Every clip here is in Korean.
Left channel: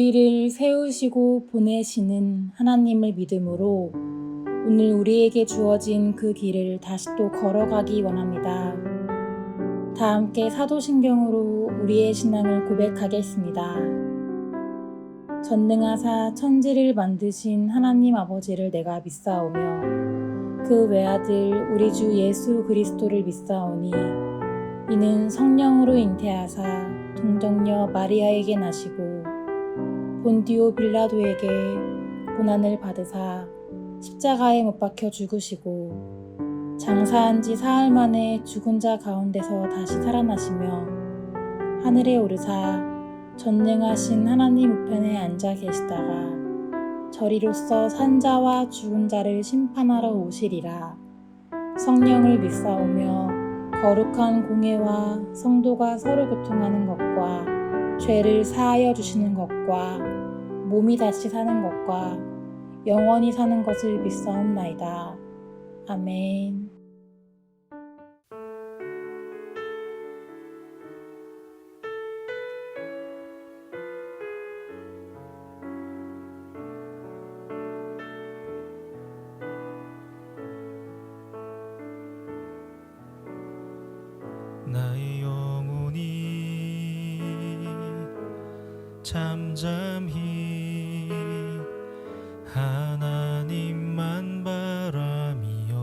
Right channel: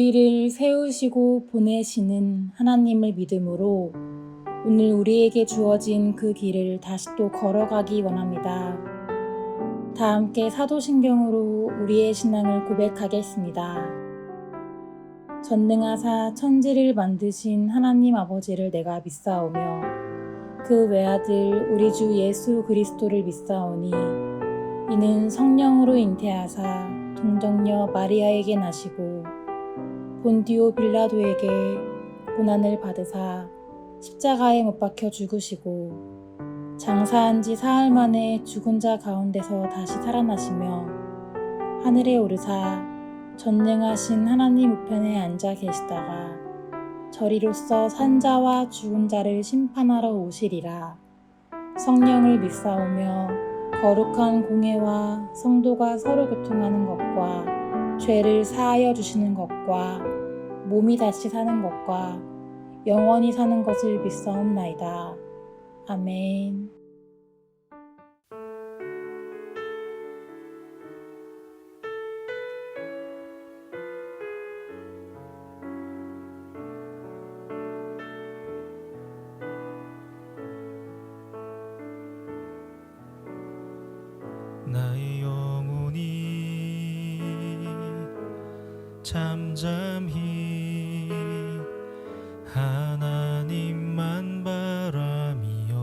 우리를 세우시고 보내시는 하나님을 믿음으로 오늘 우리에게 주어진 그 길을 다시 또 걸어가기 원합니다. 다 함께 사도신경으로 우리의 신앙을 고백하겠습니다. 전능하사 천지를 만드신 하나님 아버지를 내가 믿사오며 그 외아들 우리 주 예수 그리스도를 믿사오니 이는 성령으로 잉태하사 동정녀 마리아에게 나시고 본디오 빌라도에게 고난을 받으사 십자가에 못 박혀 죽으시고 장사한 지 사흘 만에 죽은 자 가운데서 다시 살아나시며 하늘에 오르사 전능하신 하나님 우편에 앉아 계시다가 저리로서 산 자와 죽은 자를 심판하러 오시리라. 성령을 믿사오며 거룩한 공회와 성도가 서로 교통하는 것과 죄를 사하여 주시는 것과 몸이 다시 사는 것과 영원히 사는 것을 믿사옵나이다. 아멘. 나의 영혼이 잠잠히 하나님만 바라미요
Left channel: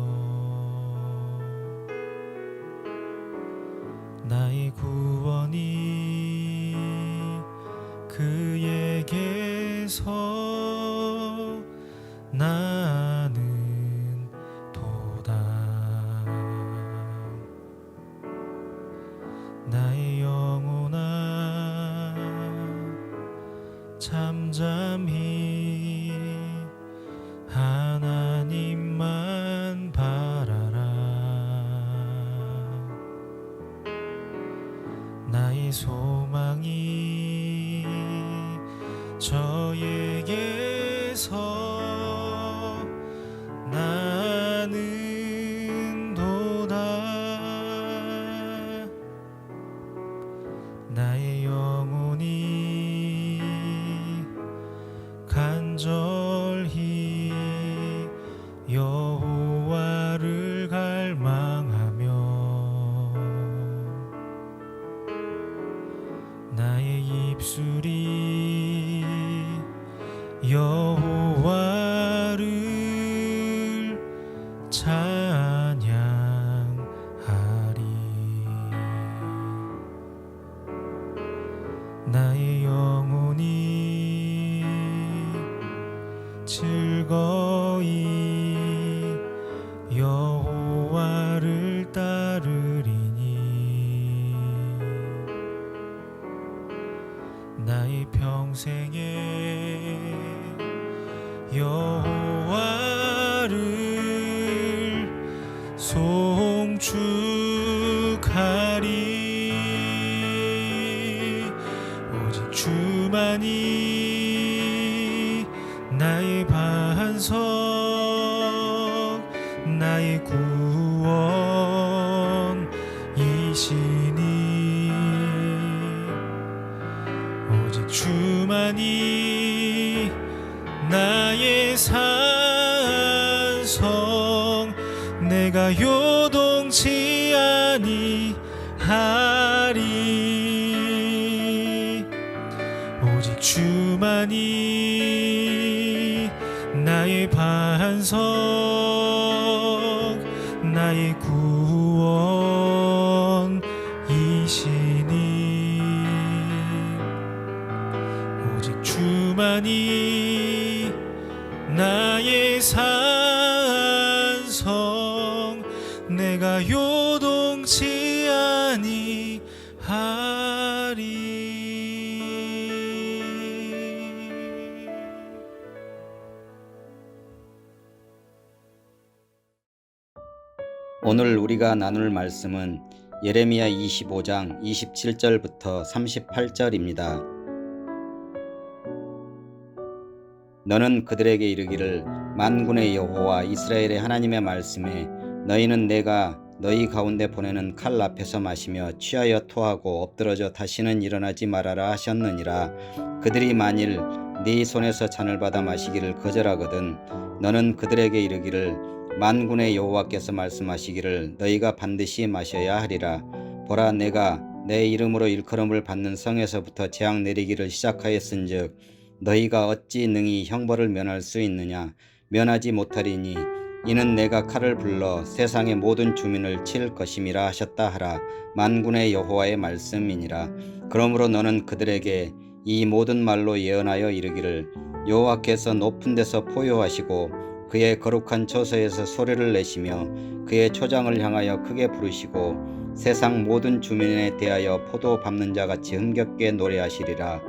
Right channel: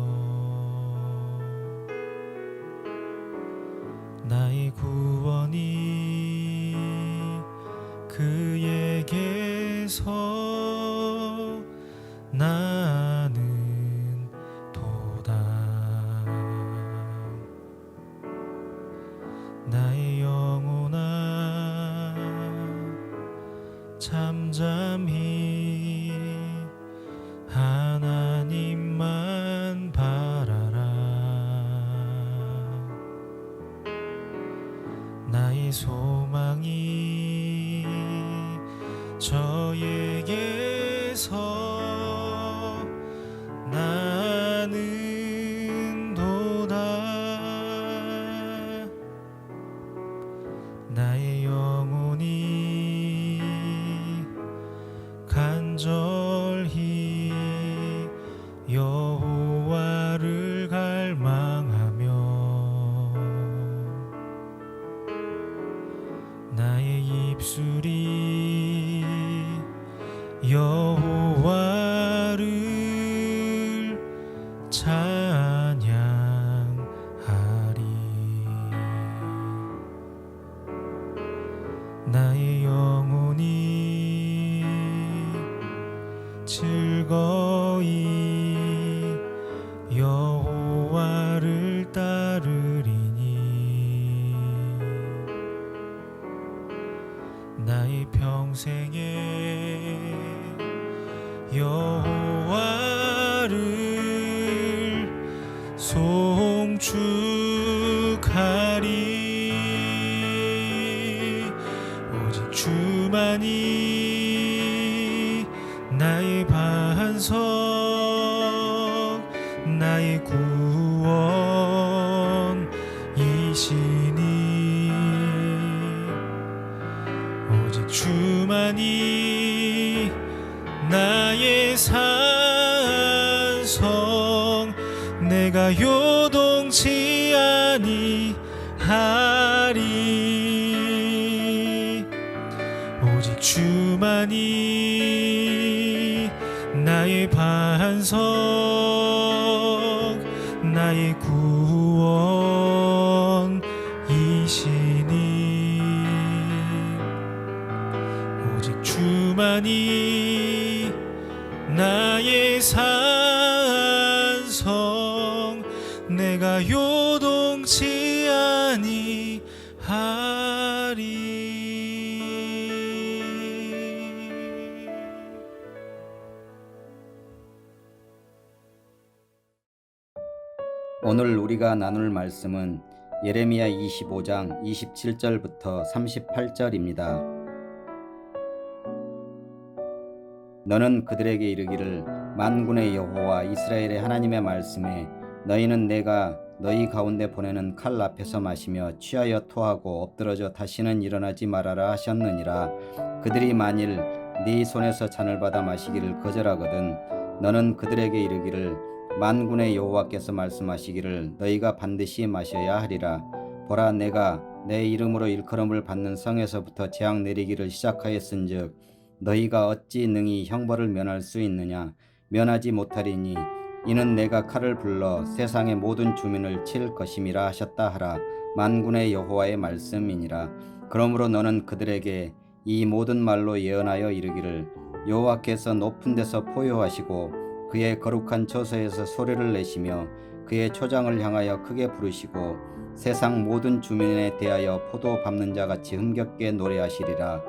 나의 구원이 그에게서 나는 도다 나의 영혼아 잠잠히 하나님만 바라라 나의 소망이 저에게서 나는 도다 나의 영혼이 간절히 여호와를 갈망하며 나의 입술이 여호와를 찬양하리 나의 영혼이 즐거이 여호와를 따르리니 나의 평생에 여호와를 송축하리 오직 주만이 나의 반석 나의 구원이시니 오직 주만이 나의 산성 내가 요동치 아니하리 오직 주만이 나의 반석 나의 구원이시니 오직 주만이 나의 산성 내가 요동치 아니하리 오늘 우리가 나눌 말씀은 예레미야 25장 27절부터 38절입니다. 너는 그들에게 이르기를 만군의 여호와 이스라엘의 하나님의 말씀에 너희는 내가 너희 가운데 보내는 칼 앞에서 마시며 취하여 토하고 엎드러져 다시는 일어나지 말아라 하셨느니라. 그들이 만일 네 손에서 잔을 받아 마시기를 거절하거든 너는 그들에게 이르기를 만군의 여호와께서 말씀하시기를 너희가 반드시 마셔야 하리라. 보라, 내가 내 이름으로 일컬음을 받는 성에서부터 재앙 내리기를 시작하였은즉 너희가 어찌 능히 형벌을 면할 수 있느냐. 면하지 못하리니 이는 내가 칼을 불러 세상의 모든 주민을 칠 것임이라 하셨다 하라. 만군의 여호와의 말씀이니라. 그러므로 너는 그들에게 이 모든 말로 예언하여 이르기를 여호와께서 높은 데서 포효하시고 그의 거룩한 처소에서 소리를 내시며 그의 초장을 향하여 크게 부르시고 세상 모든 주민에 대하여 포도 밟는 자같이 흥겹게 노래하시리라.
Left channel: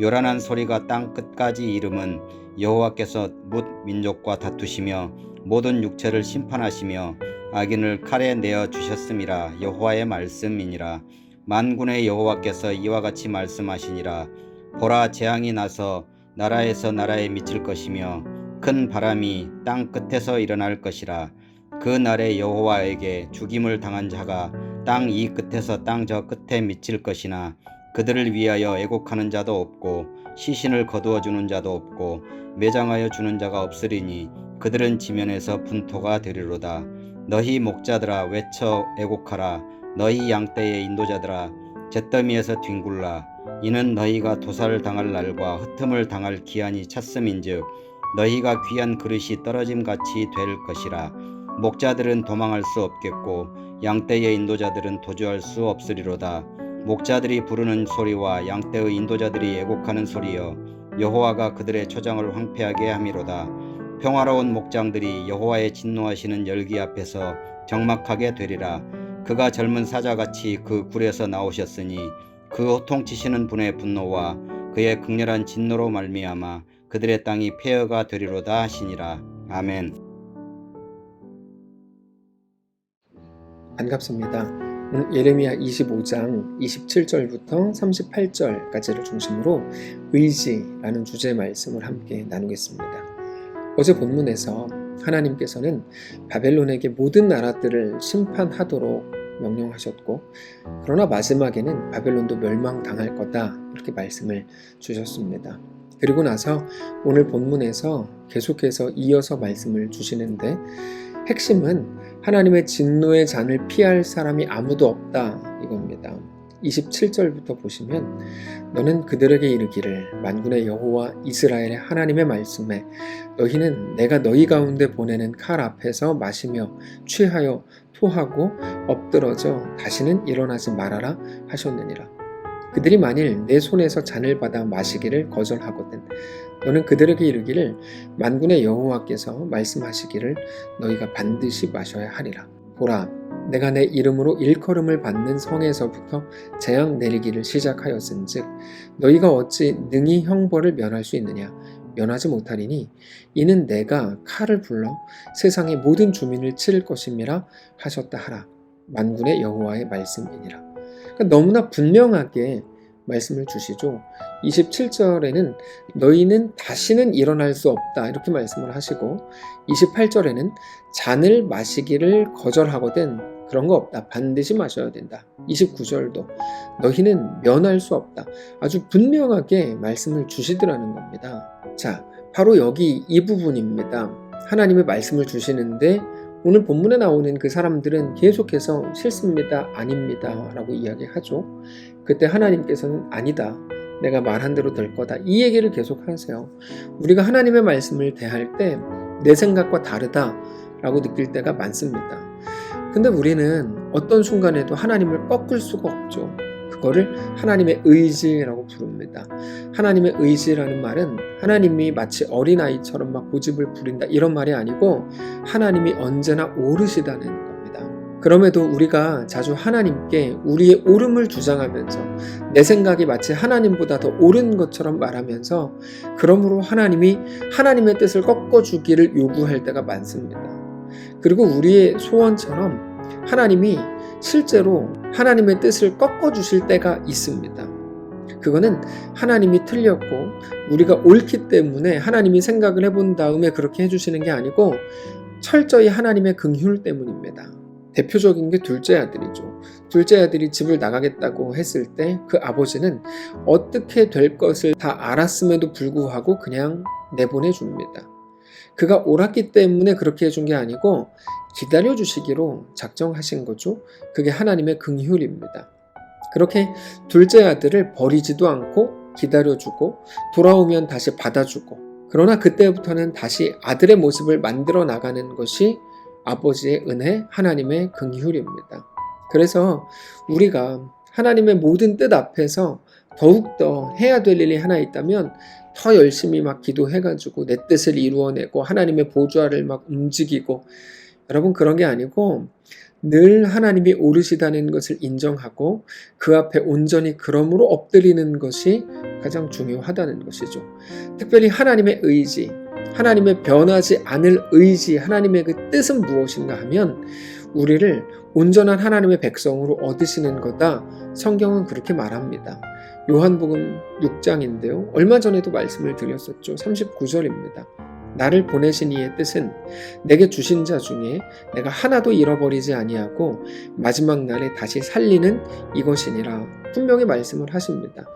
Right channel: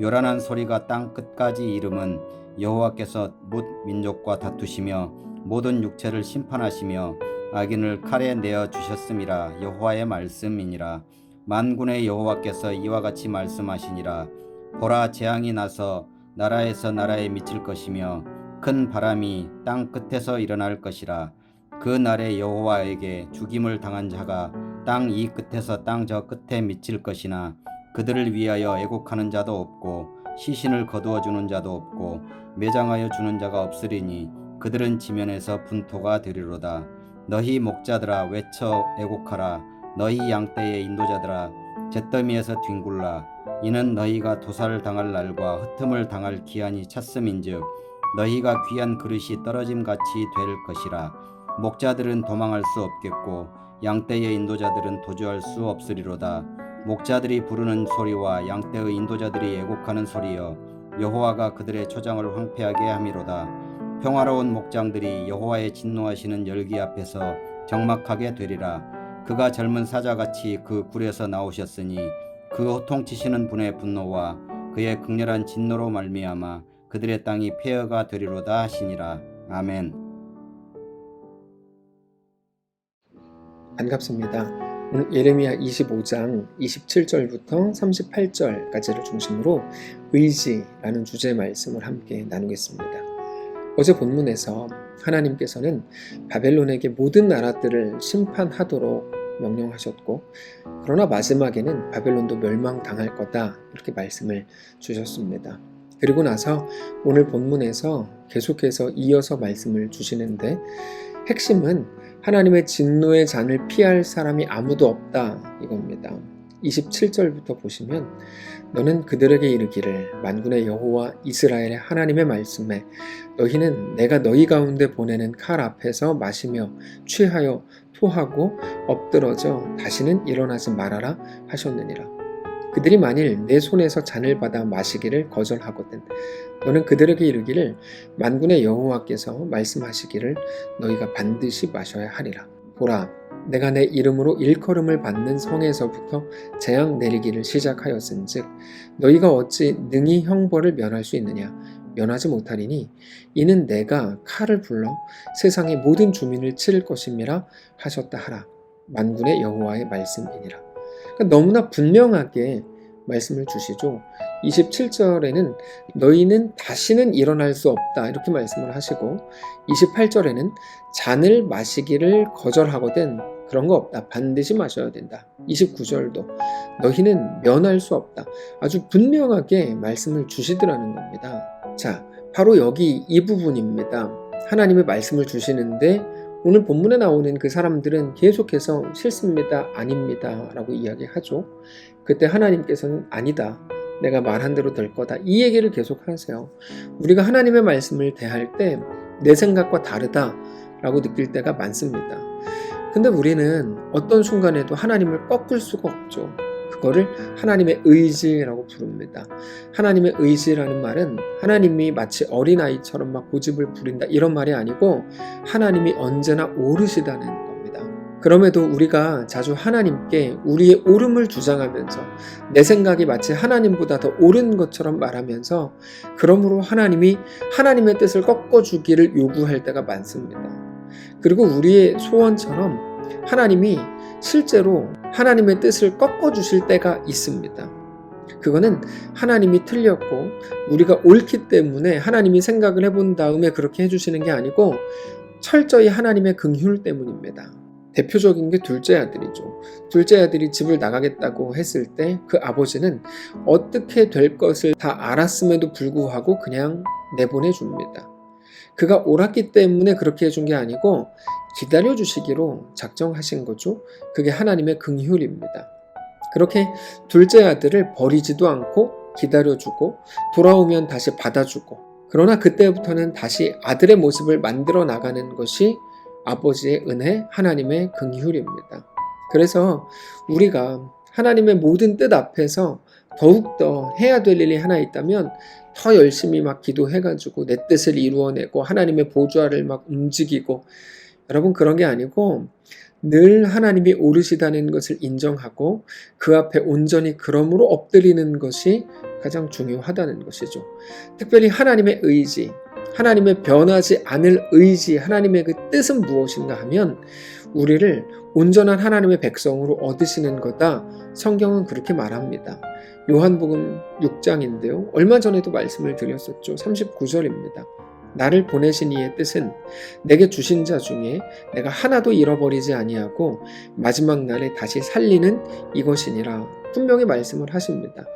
요란한 소리가 땅 끝까지 이름은 여호와께서 뭇 민족과 다투시며 모든 육체를 심판하시며 악인을 칼에 내어 주셨음이라. 여호와의 말씀이니라. 만군의 여호와께서 이와 같이 말씀하시니라. 보라, 재앙이 나서 나라에서 나라에 미칠 것이며 큰 바람이 땅 끝에서 일어날 것이라. 그 날에 여호와에게 죽임을 당한 자가 땅 이 끝에서 땅 저 끝에 미칠 것이나 그들을 위하여 애곡하는 자도 없고 시신을 거두어 주는 자도 없고 매장하여 주는 자가 없으리니 그들은 지면에서 분토가 되리로다. 너희 목자들아 외쳐 애곡하라. 너희 양떼의 인도자들아 잿더미에서 뒹굴라. 이는 너희가 도살을 당할 날과 흩음을 당할 기한이 찼음인즉 너희가 귀한 그릇이 떨어짐같이 될 것이라. 목자들은 도망할 수 없겠고 양떼의 인도자들은 도주할 수 없으리로다. 목자들이 부르는 소리와 양떼의 인도자들이 애곡하는 소리여 여호와가 그들의 초장을 황폐하게 함이로다. 평화로운 목장들이 여호와의 진노하시는 열기 앞에서 적막하게 되리라. 그가 젊은 사자같이 그 굴에서 나오셨으니 그 호통치시는 분의 분노와 그의 극렬한 진노로 말미암아 그들의 땅이 폐허가 되리로다 하시니라. 아멘. 반갑습니다. 오늘 예레미야 25장 27절부터 38절까지를 중심으로 의지라는 주제의 말씀을 함께 나누겠습니다. 어제 본문에서 하나님께서는 바벨론에게 모든 나라들을 심판하도록 명령하셨고 그러나 마지막에는 바벨론도 멸망당할 거다 이렇게 말씀을 주셨습니다. 그리고 나서 오늘 본문에서 계속해서 이어서 말씀을 주시는데 핵심은 하나님의 진노의 잔을 피할 사람이 아무도 없다 이겁니다. 27절부터 보시면 너는 그들에게 이르기를 만군의 여호와 이스라엘의 하나님의 말씀에 너희는 내가 너희 가운데 보내는 칼 앞에서 마시며 취하여 토하고 엎드러져 다시는 일어나지 말아라 하셨느니라. 그들이 만일 내 손에서 잔을 받아 마시기를 거절하거든 너는 그들에게 이르기를 만군의 여호와께서 말씀하시기를 너희가 반드시 마셔야 하리라. 보라, 내가 내 이름으로 일컬음을 받는 성에서부터 재앙 내리기를 시작하였은즉 너희가 어찌 능히 형벌을 면할 수 있느냐. 면하지 못하리니 이는 내가 칼을 불러 세상의 모든 주민을 칠 것임이라 하셨다 하라. 만군의 여호와의 말씀이니라. 그러니까 너무나 분명하게 말씀을 주시죠. 27절에는 너희는 다시는 일어날 수 없다 이렇게 말씀을 하시고 28절에는 잔을 마시기를 거절하거든 그런 거 없다. 반드시 마셔야 된다. 29절도 너희는 면할 수 없다. 아주 분명하게 말씀을 주시더라는 겁니다. 자, 바로 여기 이 부분입니다. 하나님의 말씀을 주시는데 오늘 본문에 나오는 그 사람들은 계속해서 싫습니다, 아닙니다 라고 이야기하죠. 그때 하나님께서는 아니다, 내가 말한 대로 될 거다 이 얘기를 계속 하세요. 우리가 하나님의 말씀을 대할 때 내 생각과 다르다 라고 느낄 때가 많습니다. 근데 우리는 어떤 순간에도 하나님을 꺾을 수가 없죠. 그거를 하나님의 의지라고 부릅니다. 하나님의 의지라는 말은 하나님이 마치 어린아이처럼 막 고집을 부린다 이런 말이 아니고 하나님이 언제나 오르시다는 겁니다. 그럼에도 우리가 자주 하나님께 우리의 옳음을 주장하면서 내 생각이 마치 하나님보다 더 옳은 것처럼 말하면서 그러므로 하나님이 하나님의 뜻을 꺾어주기를 요구할 때가 많습니다. 그리고 우리의 소원처럼 하나님이 실제로 하나님의 뜻을 꺾어주실 때가 있습니다. 그거는 하나님이 틀렸고 우리가 옳기 때문에 하나님이 생각을 해본 다음에 그렇게 해주시는 게 아니고 철저히 하나님의 긍휼 때문입니다. 대표적인 게 둘째 아들이죠. 둘째 아들이 집을 나가겠다고 했을 때 그 아버지는 어떻게 될 것을 다 알았음에도 불구하고 그냥 내보내줍니다. 그가 옳았기 때문에 그렇게 해준 게 아니고 기다려주시기로 작정하신 거죠. 그게 하나님의 긍휼입니다. 그렇게 둘째 아들을 버리지도 않고 기다려주고 돌아오면 다시 받아주고, 그러나 그때부터는 다시 아들의 모습을 만들어 나가는 것이 아버지의 은혜, 하나님의 긍휼입니다. 그래서 우리가 하나님의 모든 뜻 앞에서 더욱더 해야 될 일이 하나 있다면 더 열심히 막 기도해가지고 내 뜻을 이루어내고 하나님의 보좌를 막 움직이고, 여러분 그런 게 아니고 늘 하나님이 옳으시다는 것을 인정하고 그 앞에 온전히 그러므로 엎드리는 것이 가장 중요하다는 것이죠. 특별히 하나님의 의지, 하나님의 변하지 않을 의지, 하나님의 그 뜻은 무엇인가 하면 우리를 온전한 하나님의 백성으로 얻으시는 거다. 성경은 그렇게 말합니다. 요한복음 6장인데요. 얼마 전에도 말씀을 드렸었죠. 39절입니다. 나를 보내신 이의 뜻은 내게 주신 자 중에 내가 하나도 잃어버리지 아니하고 마지막 날에 다시 살리는 이것이니라. 분명히 말씀을 하십니다.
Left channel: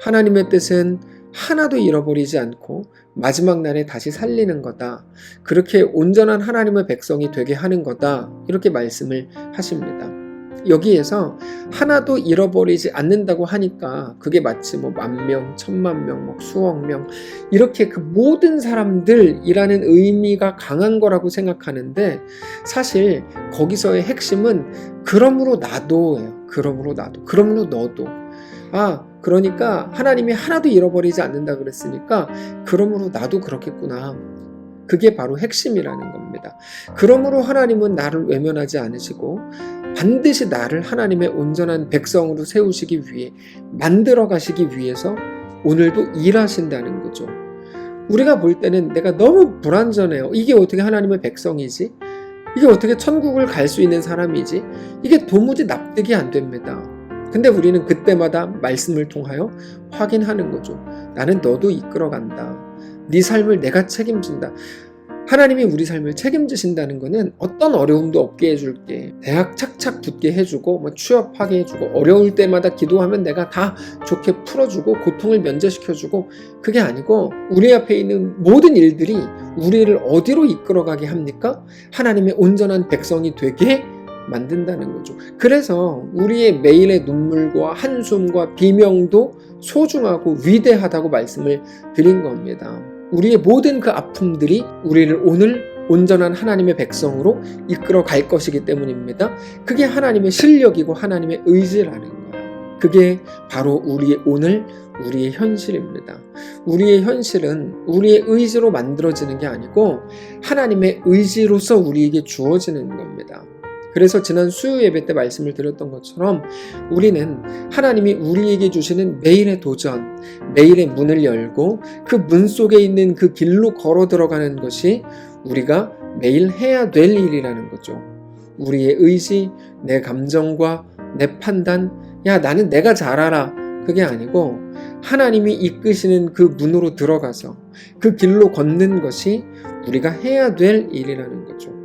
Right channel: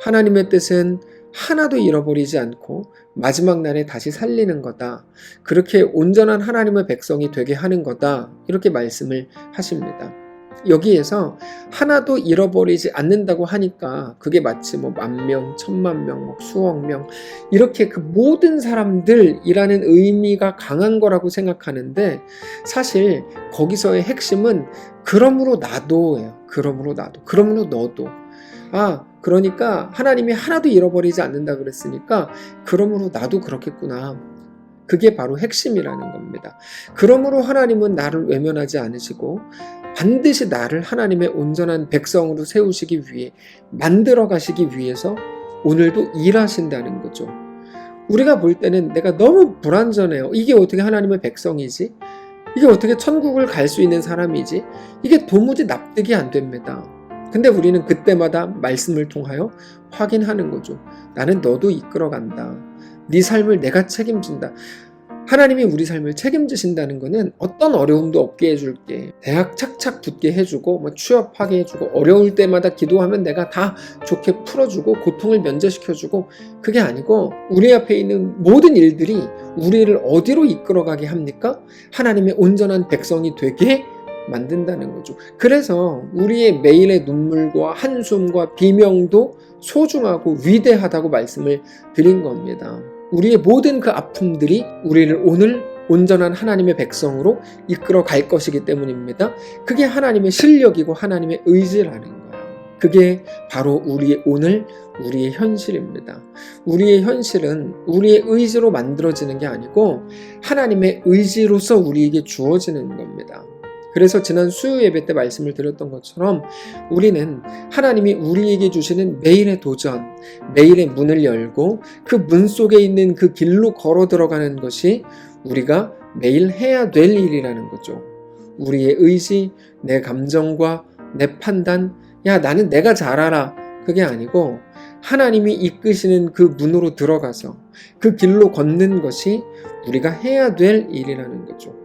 하나님의 뜻은 하나도 잃어버리지 않고 마지막 날에 다시 살리는 거다. 그렇게 온전한 하나님의 백성이 되게 하는 거다. 이렇게 말씀을 하십니다. 여기에서 하나도 잃어버리지 않는다고 하니까 그게 마치 뭐 10,000명, 10,000,000명, 뭐 수억 명 이렇게 그 모든 사람들이라는 의미가 강한 거라고 생각하는데, 사실 거기서의 핵심은 그러므로 나도예요. 그러므로 나도. 그러므로 너도. 그러니까 하나님이 하나도 잃어버리지 않는다 그랬으니까 그러므로 나도 그렇겠구나. 그게 바로 핵심이라는 겁니다. 그러므로 하나님은 나를 외면하지 않으시고 반드시 나를 하나님의 온전한 백성으로 세우시기 위해, 만들어 가시기 위해서 오늘도 일하신다는 거죠. 우리가 볼 때는 내가 너무 불완전해요. 이게 어떻게 하나님의 백성이지? 이게 어떻게 천국을 갈 수 있는 사람이지? 이게 도무지 납득이 안 됩니다. 근데 우리는 그때마다 말씀을 통하여 확인하는 거죠. 나는 너도 이끌어간다. 네 삶을 내가 책임진다. 하나님이 우리 삶을 책임지신다는 것은 어떤 어려움도 없게 해줄게, 대학 착착 붙게 해주고, 취업하게 해주고, 어려울 때마다 기도하면 내가 다 좋게 풀어주고 고통을 면제시켜주고, 그게 아니고 우리 앞에 있는 모든 일들이 우리를 어디로 이끌어가게 합니까? 하나님의 온전한 백성이 되게 만든다는 거죠. 그래서 우리의 매일의 눈물과 한숨과 비명도 소중하고 위대하다고 말씀을 드린 겁니다. 우리의 모든 그 아픔들이 우리를 오늘 온전한 하나님의 백성으로 이끌어 갈 것이기 때문입니다. 그게 하나님의 실력이고 하나님의 의지라는 거예요. 그게 바로 우리의 오늘, 우리의 현실입니다. 우리의 현실은 우리의 의지로 만들어지는 게 아니고 하나님의 의지로서 우리에게 주어지는 겁니다. 그래서 지난 수요 예배 때 말씀을 드렸던 것처럼 우리는 하나님이 우리에게 주시는 매일의 도전, 매일의 문을 열고 그 문 속에 있는 그 길로 걸어 들어가는 것이 우리가 매일 해야 될 일이라는 거죠. 우리의 의지, 내 감정과 내 판단, 나는 내가 잘 알아. 그게 아니고 하나님이 이끄시는 그 문으로 들어가서 그 길로 걷는 것이 우리가 해야 될 일이라는 거죠.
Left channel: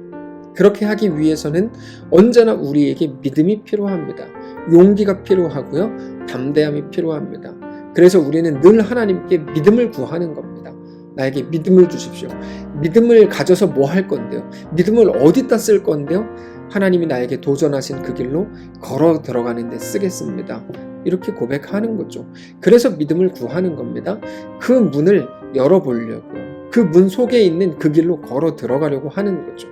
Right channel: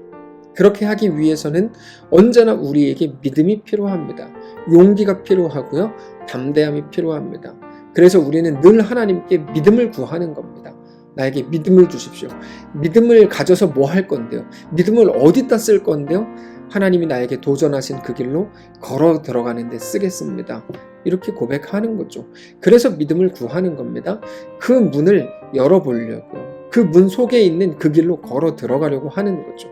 그렇게 하기 위해서는 언제나 우리에게 믿음이 필요합니다. 용기가 필요하고요. 담대함이 필요합니다. 그래서 우리는 늘 하나님께 믿음을 구하는 겁니다. 나에게 믿음을 주십시오. 믿음을 가져서 뭐 할 건데요? 믿음을 어디다 쓸 건데요? 하나님이 나에게 도전하신 그 길로 걸어 들어가는 데 쓰겠습니다. 이렇게 고백하는 거죠. 그래서 믿음을 구하는 겁니다. 그 문을 열어보려고요. 그 문 속에 있는 그 길로 걸어 들어가려고 하는 거죠.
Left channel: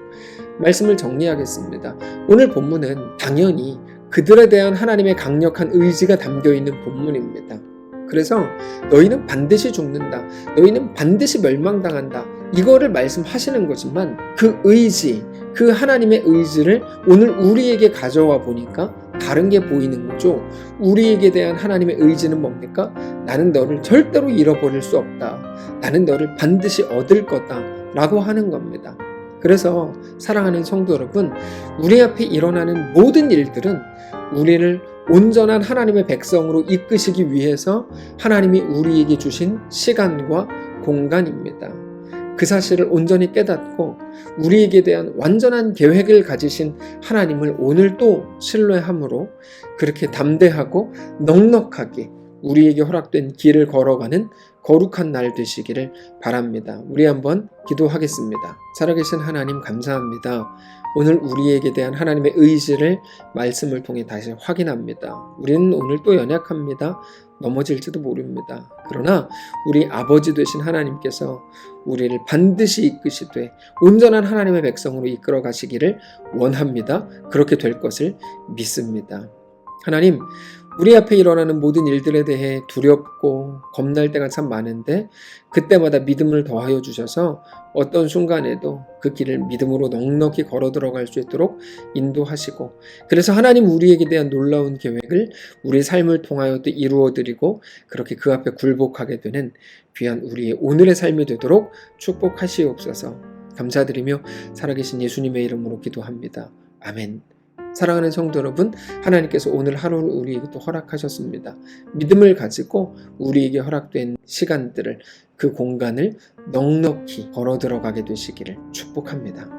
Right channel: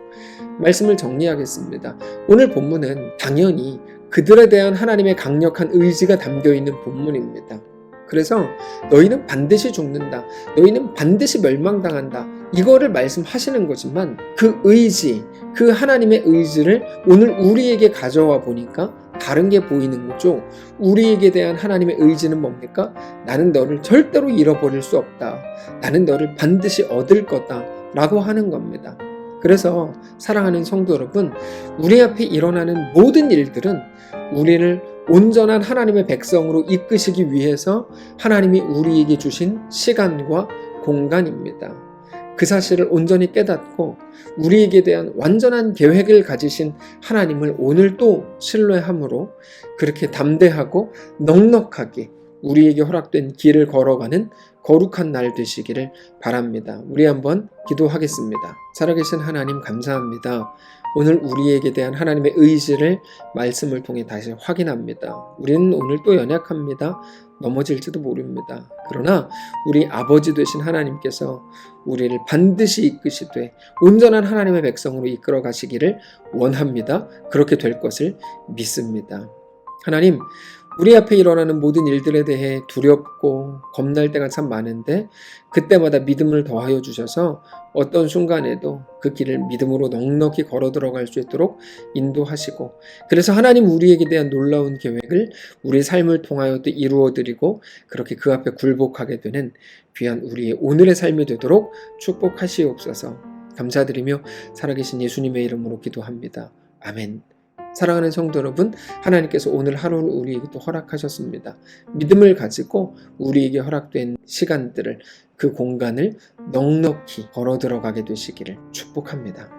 말씀을 정리하겠습니다. 오늘 본문은 당연히 그들에 대한 하나님의 강력한 의지가 담겨있는 본문입니다. 그래서 너희는 반드시 죽는다. 너희는 반드시 멸망당한다. 이거를 말씀하시는 거지만 그 의지, 그 하나님의 의지를 오늘 우리에게 가져와 보니까 다른 게 보이는 거죠. 우리에게 대한 하나님의 의지는 뭡니까? 나는 너를 절대로 잃어버릴 수 없다. 나는 너를 반드시 얻을 거다. 라고 하는 겁니다. 그래서 사랑하는 성도 여러분, 우리 앞에 일어나는 모든 일들은 우리를 온전한 하나님의 백성으로 이끄시기 위해서 하나님이 우리에게 주신 시간과 공간입니다. 그 사실을 온전히 깨닫고 우리에게 대한 완전한 계획을 가지신 하나님을 오늘 또 신뢰함으로 그렇게 담대하고 넉넉하게 우리에게 허락된 길을 걸어가는 거룩한 날 되시기를 바랍니다. 우리 한번 기도하겠습니다. 살아계신 하나님 감사합니다. 오늘 우리에게 대한 하나님의 의지를 말씀을 통해 다시 확인합니다. 우리는 오늘 또 연약합니다. 넘어질지도 모릅니다. 그러나 우리 아버지 되신 하나님께서 우리를 반드시 이끄시되 온전한 하나님의 백성으로 이끌어 가시기를 원합니다. 그렇게 될 것을 믿습니다. 하나님, 우리 앞에 일어나는 모든 일들에 대해 두렵고 겁날 때가 참 많은데 그때마다 믿음을 더하여 주셔서 어떤 순간에도 그 길을 믿음으로 넉넉히 걸어 들어갈 수 있도록 인도하시고, 그래서 하나님 우리에게 대한 놀라운 계획을 우리 삶을 통하여 또 이루어드리고 그렇게 그 앞에 굴복하게 되는 귀한 우리의 오늘의 삶이 되도록 축복하시옵소서. 감사드리며 살아계신 예수님의 이름으로 기도합니다. 아멘. 사랑하는 성도 여러분, 하나님께서 오늘 하루를 우리에게 또 허락하셨습니다. 믿음을 가지고 우리에게 허락된 시간들을, 그 공간을 넉넉히 걸어 들어가게 되시기를 축복합니다.